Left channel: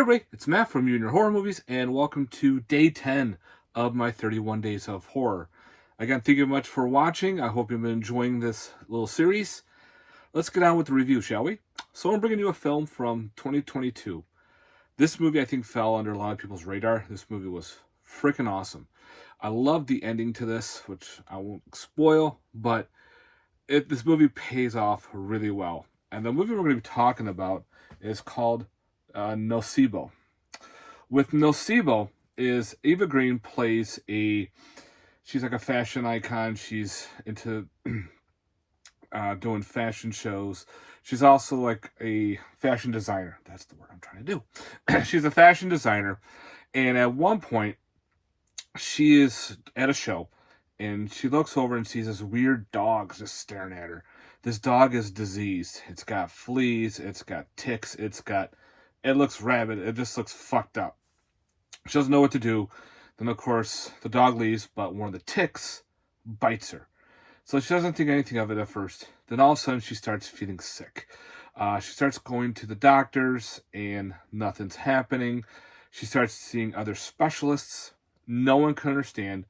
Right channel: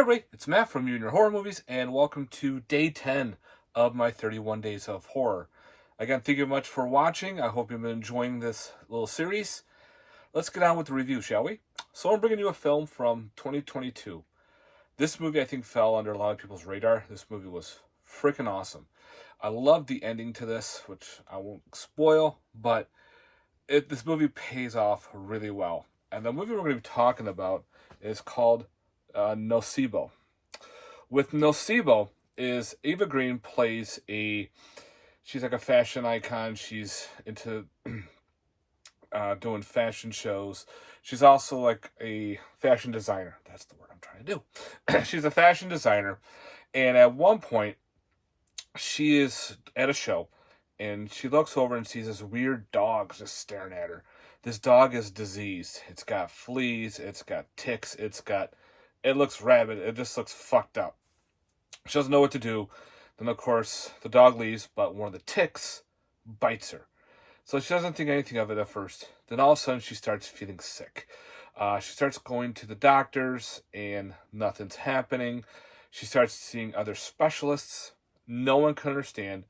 everybody, it's Matt from You and Your Horror Movies, and welcome to day 10 of my 31 Days of Horror. Again, thank you much for watching. I hope you've been enjoying this little series. Let's get on with the review, shall we? So I'm bringing you a film from 2022. This movie, I think, fell under a lot of people's radar. This movie was freaking awesome. I love the ending to this, which I won't spoil, but this movie pays off really well. And the movie we're going to be talking about is called Nocebo. With Nocebo is Eva Green plays she's like a fashion icon. She's into doing fashion shows. She's also like a fashion designer. That's the word I'm trying to do. She's a fashion designer. And at one point, she is at a show and she looks over and sees this weird dog just staring at her. This dog is diseased. It's got fleas. It's got ticks. It looks rabid. It just looks fucked up. She doesn't know what to do. Then, of course, the dog leaves, but one of the ticks bites her. So she doesn't think anything of it at first. Then all of a sudden, she starts feeling sick. She starts going to the doctors, and nothing's happening. She starts seeing other specialists. No one can understand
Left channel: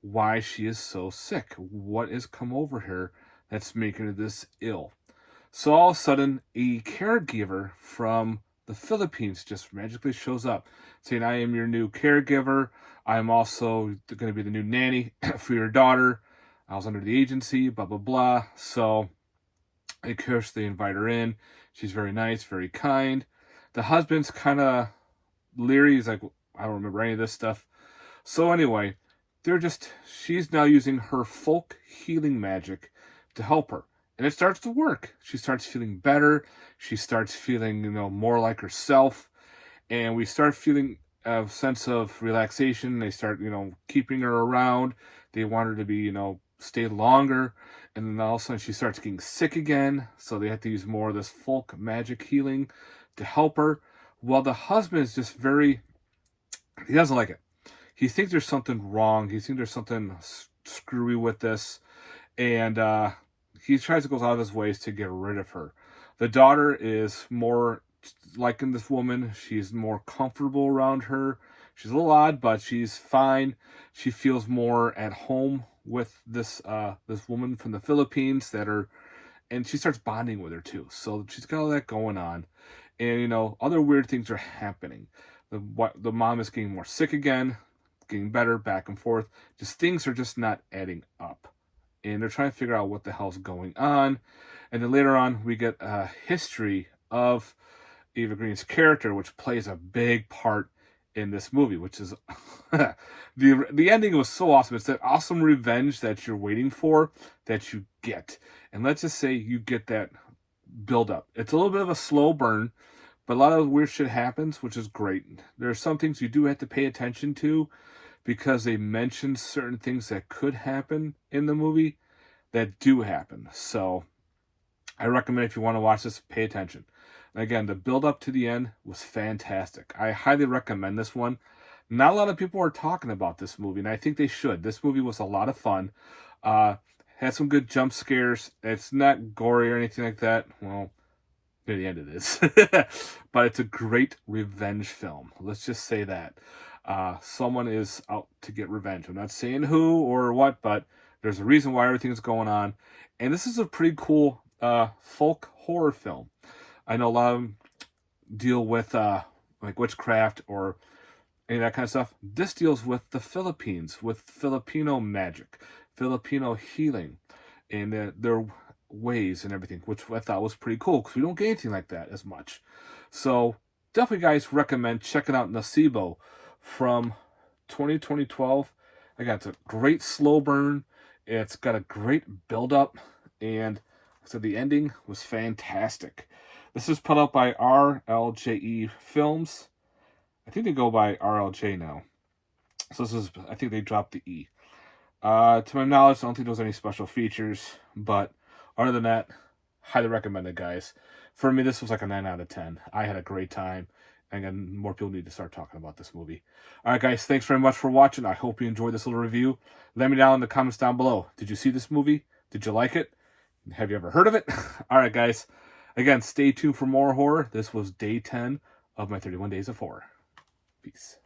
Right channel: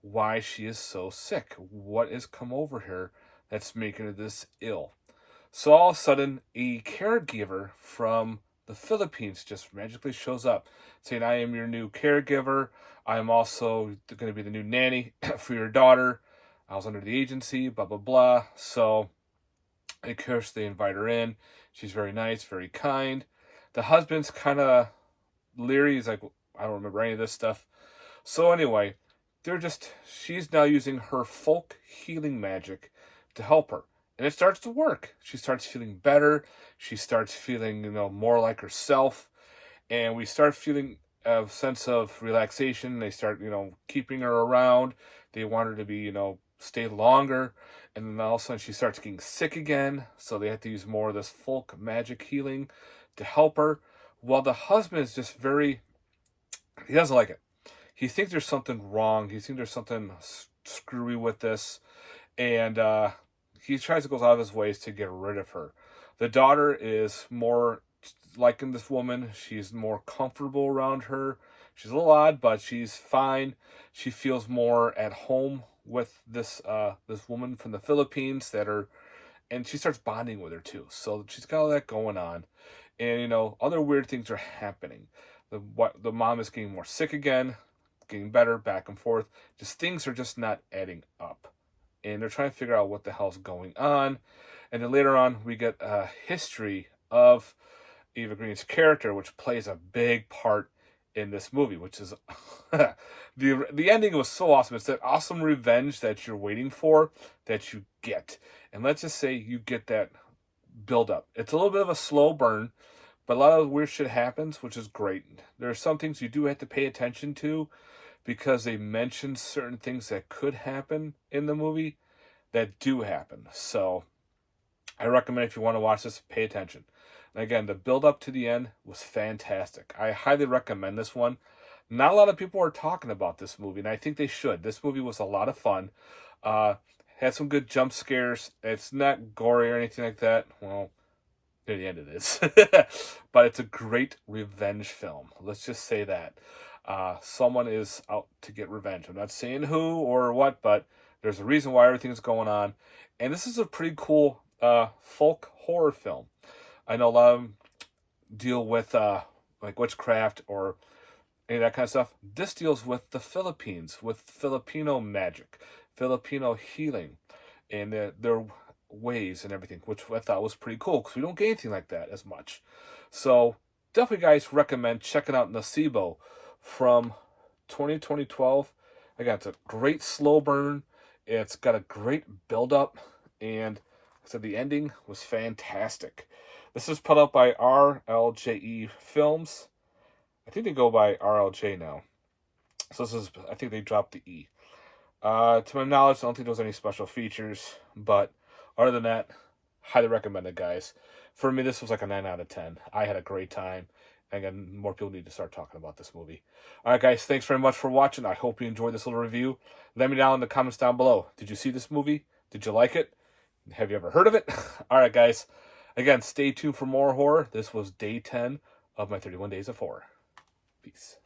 why she is so sick. What has come over her that's making her this ill? So all of a sudden, a caregiver from the Philippines just magically shows up saying, I am your new caregiver. I'm also going to be the new nanny for your daughter. I was under the agency, blah, blah, blah. So, of course, they invite her in. She's very nice, very kind. The husband's kind of leery. He's like, I don't remember any of this stuff. So anyway, she's now using her folk healing magic to help her. And it starts to work. She starts feeling better. She starts feeling, more like herself. And we start feeling a sense of relaxation. They start, keeping her around. They want her to be, stay longer. And then all of a sudden she starts getting sick again. So they have to use more of this folk magic healing to help her. While the husband is just he doesn't like it. He thinks there's something wrong. He thinks there's something screwy with this. And he tries to go out of his ways to get rid of her. The daughter is more liking this woman. She's more comfortable around her. She's a little odd, but she's fine. She feels more at home with this woman from the Philippines and she starts bonding with her too. So she's got all that going on. And, other weird things are happening. The mom is getting more sick again, getting better, back and forth. Just things are just not adding up. And they're trying to figure out what the hell's going on. And then later on, we get a history of Eva Green's character, which plays a big part in this movie, which is the ending was so awesome. It's that awesome revenge that you're waiting for that you get. And let's just say you get that build up. It's a little bit of a slow burn, but a lot of weird shit happens, which is great. There are some things you do have to pay attention to because they mention certain things that could happen in the movie that do happen. So I recommend if you want to watch this, pay attention. And again, the build up to the end was fantastic. I highly recommend this one. Not a lot of people are talking about this movie, and I think they should. This movie was a lot of fun. Had some good jump scares. It's not gory or anything like that. Well, near the end it is. But it's a great revenge film. Let's just say that. Someone is out to get revenge. I'm not saying who or what, but there's a reason why everything's going on. And this is a pretty cool folk horror film. I know a lot of them deal with like witchcraft or any of that kind of stuff. This deals with the Philippines, with Filipino magic, Filipino healing, and their ways and everything, which I thought was pretty cool because we don't get anything like that as much. So definitely, guys, recommend checking out Nocebo from 2012. Again, it's a great slow burn. It's got a great build-up, and like I said, the ending was fantastic. This is put out by RLJE Films. I think they go by RLJ now. So I think they dropped the E. To my knowledge, I don't think there's any special features, but other than that, highly recommend it, guys. For me, this was like a 9 out of 10. I had a great time. And again, more people need to start talking about this movie. All right, guys, thanks very much for watching. I hope you enjoyed this little review. Let me know in the comments down below. Did you see this movie? Did you like it? Have you ever heard of it? All right, guys. Again, stay tuned for more horror. This was day 10 of my 31 Days of Horror. Peace.